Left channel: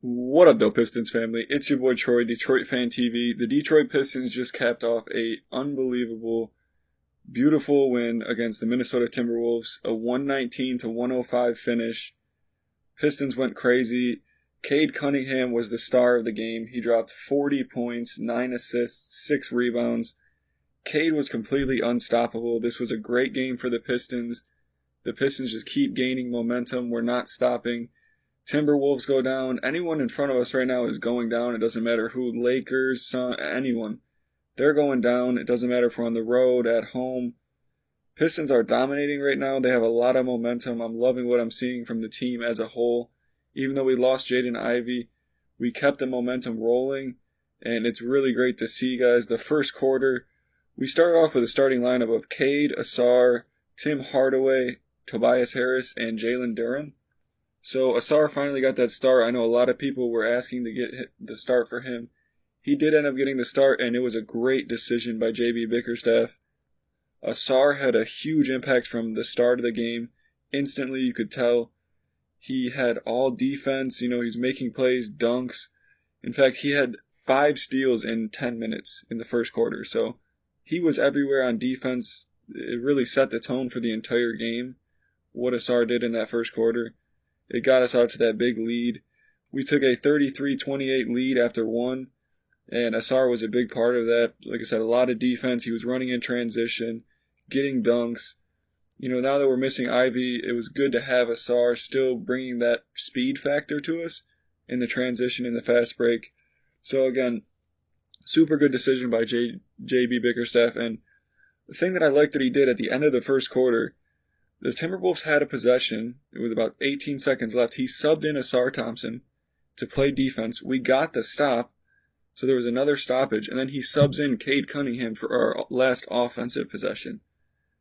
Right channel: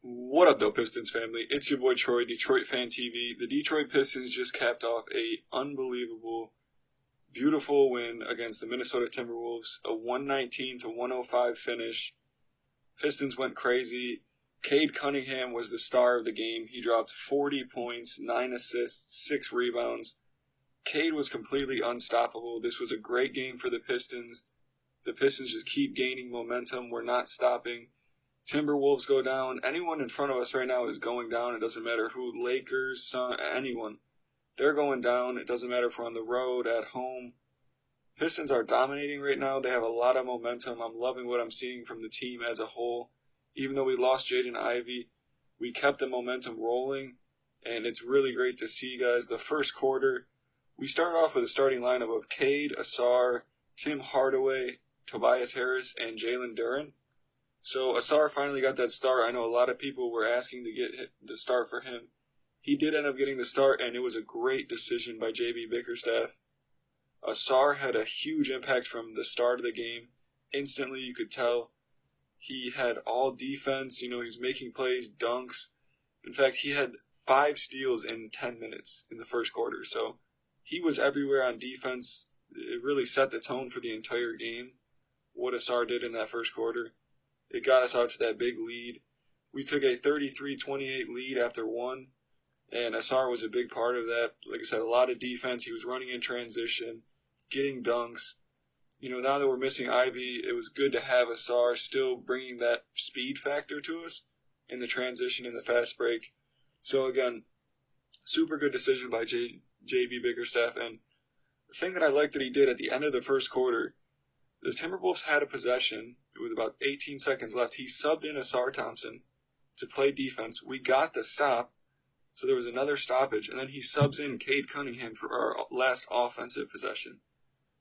What up, though, Pistons family? It's your boy Troy, Detroit Fan TV. The Detroit Pistons just capped off a unbelievable, beautiful win against the Minnesota Timberwolves, a 119 to 105 finish. Pistons went crazy. Cade Cunningham was the star of the game. He dropped 40 points, 9 assists, 6 rebounds. Cade was completely unstoppable. This was a great game for the Pistons. The Pistons just keep gaining momentum. We're not stopping. Timberwolves go down. Anyone in front of us right now is going down. It doesn't matter who, Lakers, Sun, anyone. They're going down. It doesn't matter if we're on the road, at home. Pistons are dominating right now. They have a lot of momentum. I'm loving what I'm seeing from the team as a whole. Even though we lost Jaden Ivey, we kept the momentum rolling, and it's really great to see, guys. The first quarter, we started off with a starting lineup of Cade, Ausar, Tim Hardaway, Tobias Harris, and Jalen Duren. So Ausar finally got that start. I know a lot of people were asking to get the start for him. He did end up getting the start, and it was a great decision by JB Bickerstaff. Ausar had a huge impact from the start of the game. Instantly, you could tell he had all defense. You know, he's making plays, dunks. In fact, he had 5 steals in 10 minutes in the first quarter. So he was everywhere on defense. It really set the tone for the entire game, what Ausar did in that first quarter. It got us out to that big lead. We took a 33-28 lead after one, and Ausar was a big part of that. Like I said, a lot of defense. He was running in transition, getting dunks. You know, now that we're missing Ivy, it was good to have Ausar still bringing that speed factor to us in the transition, in the fast break. So again, super good decision by JB Bickerstaff. And the thing that I liked that he did at the end of the first quarter, the Timberwolves had a possession with about 18 seconds left. He subbed in Ausar Thompson to play defense. We got the stop, so there was another stoppage, and then he subs in Cade Cunningham for our last offensive possession.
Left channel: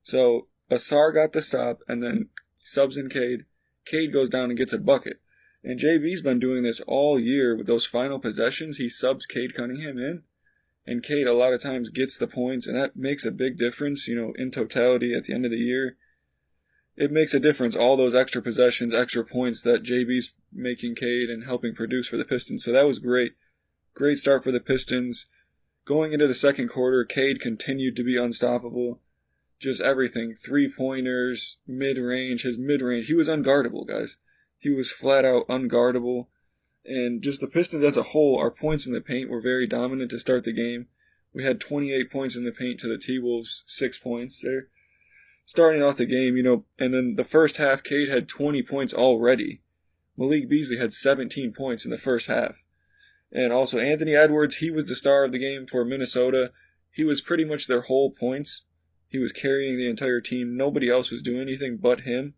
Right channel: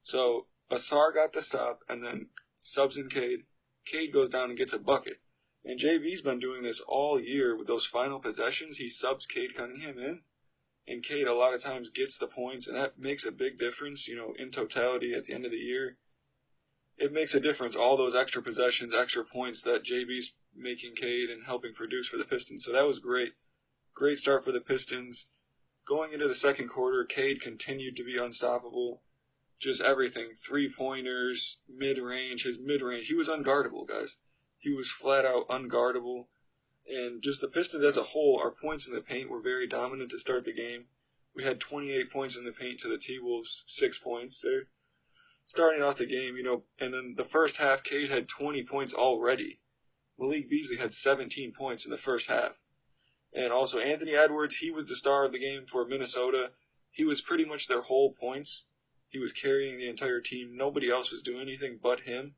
So Ausar got the stop, and then subs in Cade. Cade goes down and gets a bucket. And JB's been doing this all year with those final possessions. He subs Cade Cunningham in, and Cade a lot of times gets the points, and that makes a big difference, you know, in totality at the end of the year. It makes a difference, all those extra possessions, extra points that JB's making Cade and helping produce for the Pistons. So that was great. Great start for the Pistons. Going into the second quarter, Cade continued to be unstoppable. Just everything. 3-pointers, mid-range, his mid-range. He was unguardable, guys. He was flat out unguardable. And just the Pistons as a whole, our points in the paint were very dominant to start the game. We had 28 points in the paint to the T-Wolves' 6 points there. Starting off the game, you know, and then the first half, Cade had 20 points already. Malik Beasley had 17 points in the first half. And also Anthony Edwards, he was the star of the game for Minnesota. He was pretty much their whole points. He was carrying the entire team. Nobody else was doing anything but him.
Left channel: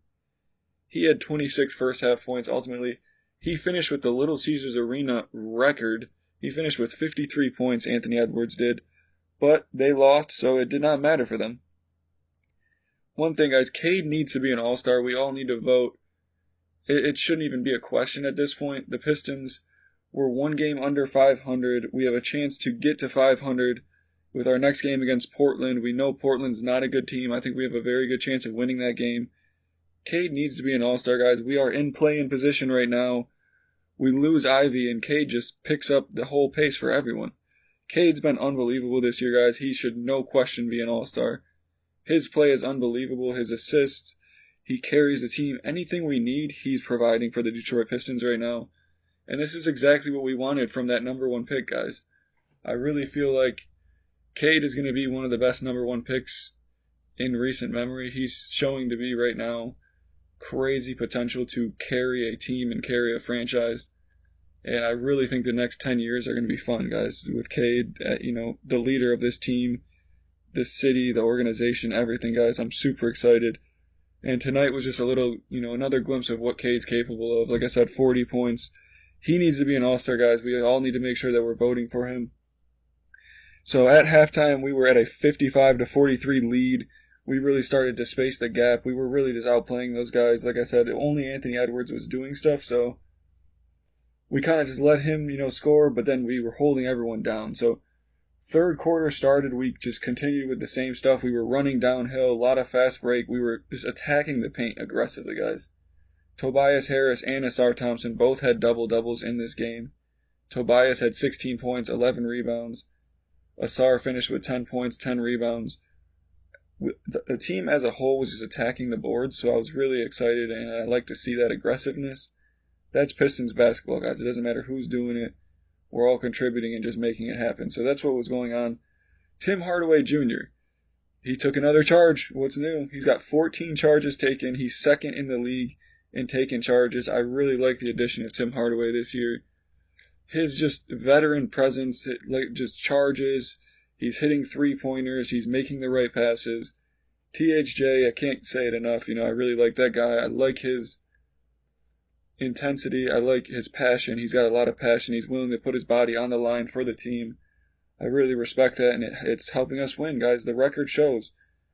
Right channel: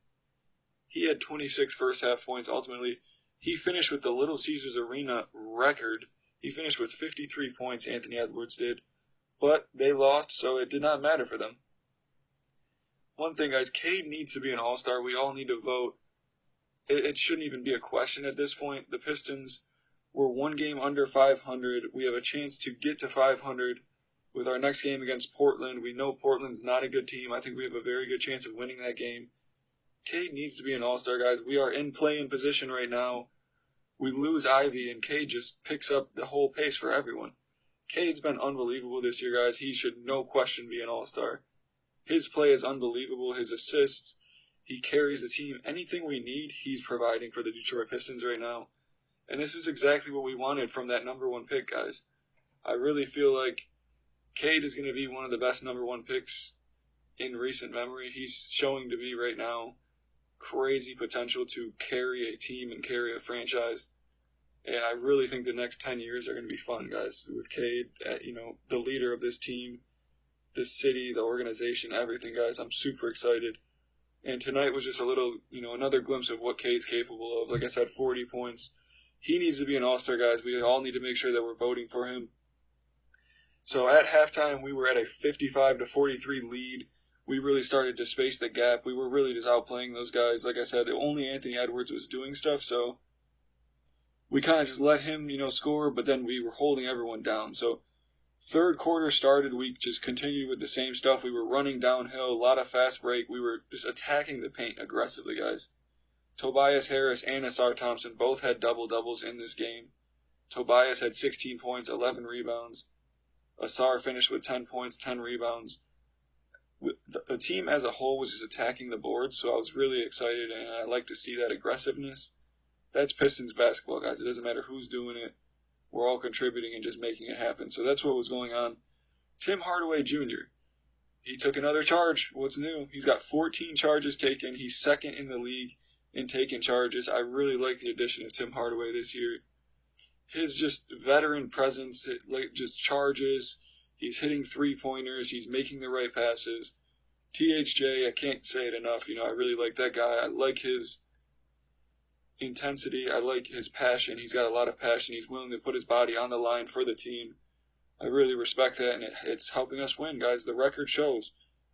He had 26 first half points. Ultimately, he finished with the Little Caesars Arena record. He finished with 53 points, Anthony Edwards did. But they lost, so it did not matter for them. One thing, guys, Cade needs to be an all-star. We all need to vote. It shouldn't even be a question at this point. The Pistons were 1 game under 500. We have a chance to get to 500 with our next game against Portland. We know Portland's not a good team. I think we have a very good chance of winning that game. Cade needs to be an all-star, guys. We are in play-in position right now. We lose Ivy, and Cade just picks up the whole pace for everyone. Cade's been unbelievable this year, guys. He should, no question, be an all-star. His play is unbelievable. His assists, he carries the team. Anything we need, he's providing for the Detroit Pistons right now. And this is exactly what we wanted from that number 1 pick, guys. I really feel like Cade is going to be one of the best number 1 picks in recent memory. He's showing to be right now crazy potential to carry a team and carry a franchise. And I really think the next 10 years are going to be fun, guys, with Cade, you know, the leader of this team, this city, the organization, everything, guys. I'm super excited. And tonight was just a little, you know, another glimpse of what Cade's capable of. Like I said, 40 points. He needs to be an all-star, guys. We all need to make sure that we're voting for him. So at halftime, we were at a 55-43 lead. We really started to space the gap. We were really just outplaying those guys. Like I said, only Anthony Edwards was doing stuff, so we kind of just let him, you know, score, but then we were holding everyone down. So third quarter started, we just continued with the same stuff. We were running downhill, a lot of fast break. We were just attacking the paint aggressively, guys. Tobias Harris and Asar Thompson both had double-doubles in this game. Tobias had 16 points, 11 rebounds. Asar finished with 10 points, 10 rebounds. The team as a whole was just attacking the board, so I was really excited, and I like to see that aggressiveness. That's Pistons basketball, guys. It doesn't matter who's doing it. We're all contributing and just making it happen. So that's what was going on. Tim Hardaway Jr., he took another charge. What's new? He's got 14 charges taken. He's second in the league in taking charges. I really like the addition of Tim Hardaway this year. His just veteran presence, like just charges. He's hitting three-pointers. He's making the right passes. THJ, I can't say it enough. I really like that guy. I like his intensity. I like his passion. He's got a lot of passion. He's willing to put his body on the line for the team. I really respect that, and it's helping us win, guys. The record shows.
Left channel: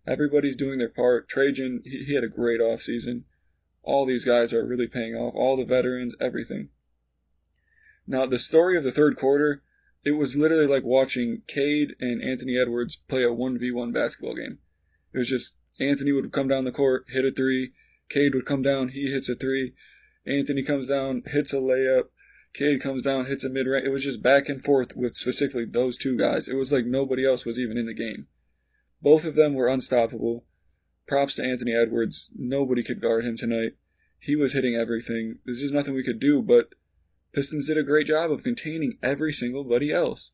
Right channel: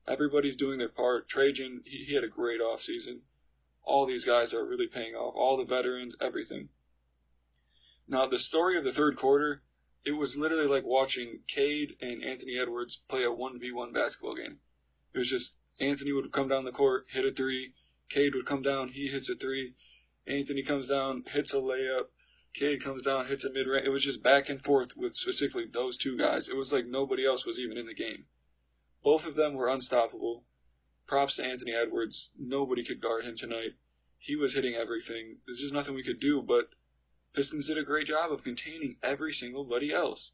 Everybody's doing their part. Trajan, he had a great offseason. All these guys are really paying off. All the veterans, everything. Now, the story of the third quarter, it was literally like watching Cade and Anthony Edwards play a 1v1 basketball game. It was just Anthony would come down the court, hit a three. Cade would come down, he hits a three. Anthony comes down, hits a layup. Cade comes down, hits a mid-range. It was just back and forth with specifically those two guys. It was like nobody else was even in the game. Both of them were unstoppable. Props to Anthony Edwards. Nobody could guard him tonight. He was hitting everything. There's just nothing we could do, but Pistons did a great job of containing every single buddy else.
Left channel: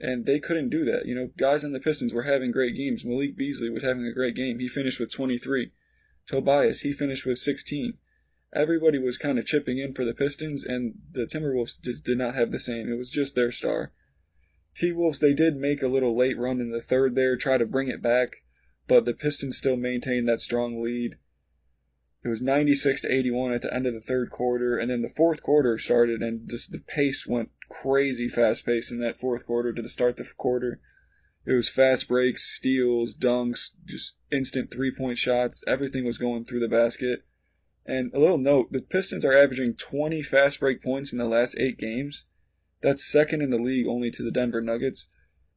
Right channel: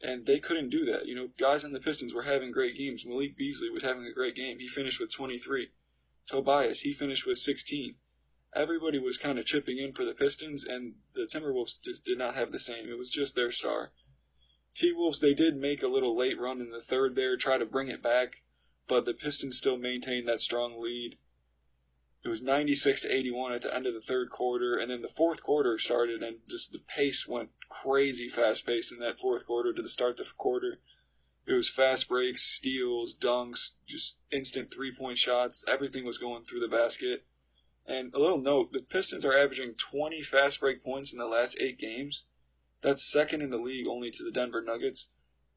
And they couldn't do that. Guys on the Pistons were having great games. Malik Beasley was having a great game. He finished with 23. Tobias, he finished with 16. Everybody was kind of chipping in for the Pistons, and the Timberwolves just did not have the same. It was just their star. T-Wolves, they did make a little late run in the third there, try to bring it back, but the Pistons still maintained that strong lead. It was 96-81 at the end of the third quarter, and then the fourth quarter started, and just the pace went crazy fast-paced in that fourth quarter to the start of the quarter. It was fast breaks, steals, dunks, just instant three-point shots. Everything was going through the basket. And a little note, the Pistons are averaging 20 fast break points in the last 8 games. That's second in the league only to the Denver Nuggets.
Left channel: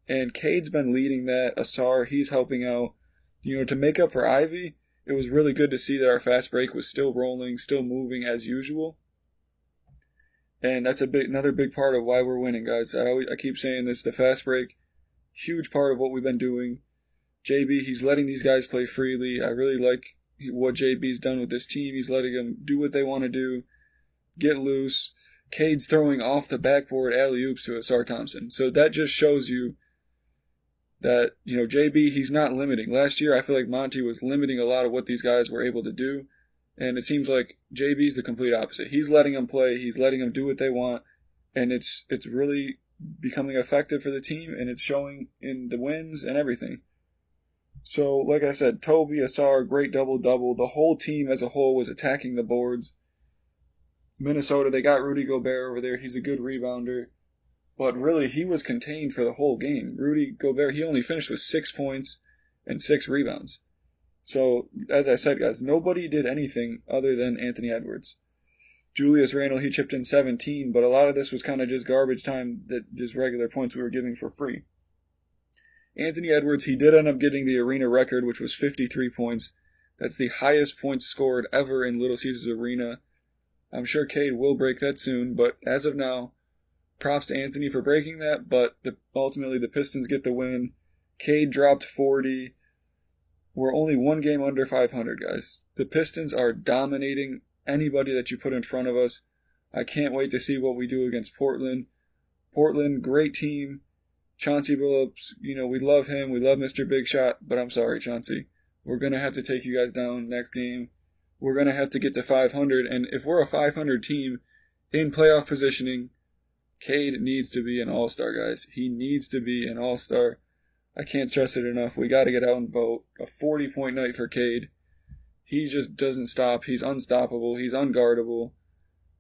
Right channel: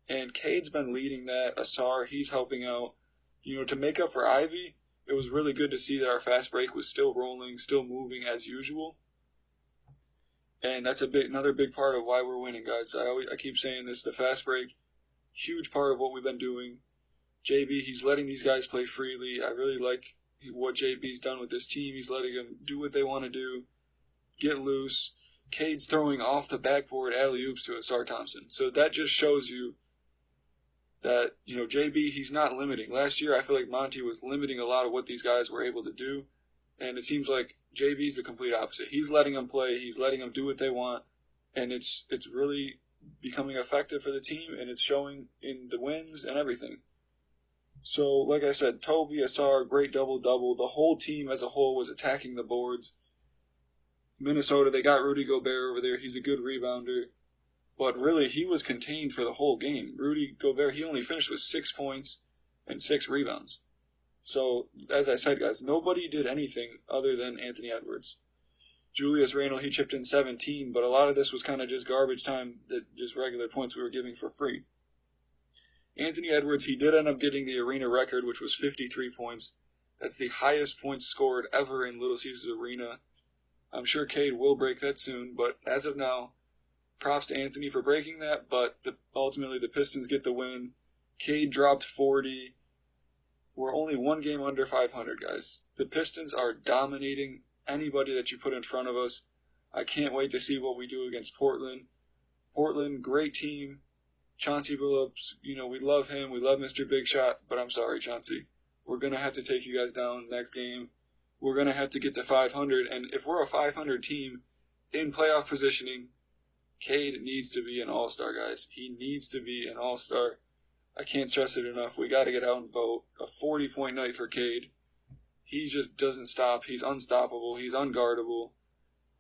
And Cade's been leading that. Asar, he's helping out. To make up for Ivy, it was really good to see that our fast break was still rolling, still moving as usual. And that's another big part of why we're winning, guys. I keep saying this, the fast break, huge part of what we've been doing. JB, he's letting these guys play freely. I really like what JB's done with this team. He's letting them do what they want to do, get loose. Cade's throwing off the backboard alley-oops to Asar Thompson. So that just shows you that, JB, he's not limiting. Last year, I feel like Monty was limiting a lot of what these guys were able to do, and it seems like JB's the complete opposite. He's letting them play. He's letting them do what they want, and it's really becoming effective for the team, and it's showing in the wins and everything. So, like I said, Toby, Asar, great double-double. The whole team as a whole was attacking the boards. Minnesota, they got Rudy Gobert over there. He's a good rebounder. But really, he was contained for the whole game. Rudy Gobert, he only finished with 6 points and 6 rebounds. So, as I said, guys, nobody did anything other than Anthony Edwards. Julius Randle, he chipped in 17, but a lot of this was kind of just garbage time, just regular points we were giving for free. Anthony Edwards, he did end up getting the arena record, which was 53 points. That's the highest points scored ever in Little Caesars Arena. I'm sure Cade will break that soon, but as of now, props to Anthony for breaking that, but ultimately the Pistons get the win. Cade dropped 40. We're only one game under 500, guys. The Pistons are dominating anybody that you put in front of us. I can't wait to see what we do against Portland. Portland, great team. Chauncey Billups, we love him. We love Mr. Big Shot, but I'm sorry, Chauncey. We're going to have to take you guys down next game. We're going to have to get to 500, and if we're a 500 team in playoff positioning, Cade needs to be an all-star, guys. He needs to be an all-star. I can't stress it enough. We got to get out and vote. A 40-point night for Cade. He just doesn't stop. He's unstoppable. He's unguardable.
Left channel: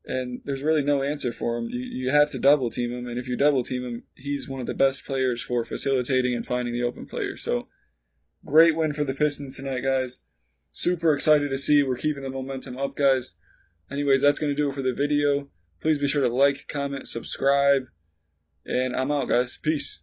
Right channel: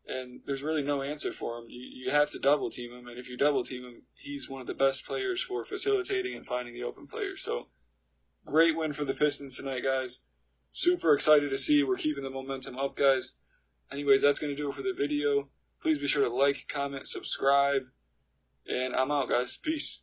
And there's really no answer for him. You have to double team him, and if you double team him, he's one of the best players for facilitating and finding the open players. So, great win for the Pistons tonight, guys. Super excited to see. We're keeping the momentum up, guys. Anyways, that's going to do it for the video. Please be sure to like, comment, subscribe, and I'm out, guys. Peace.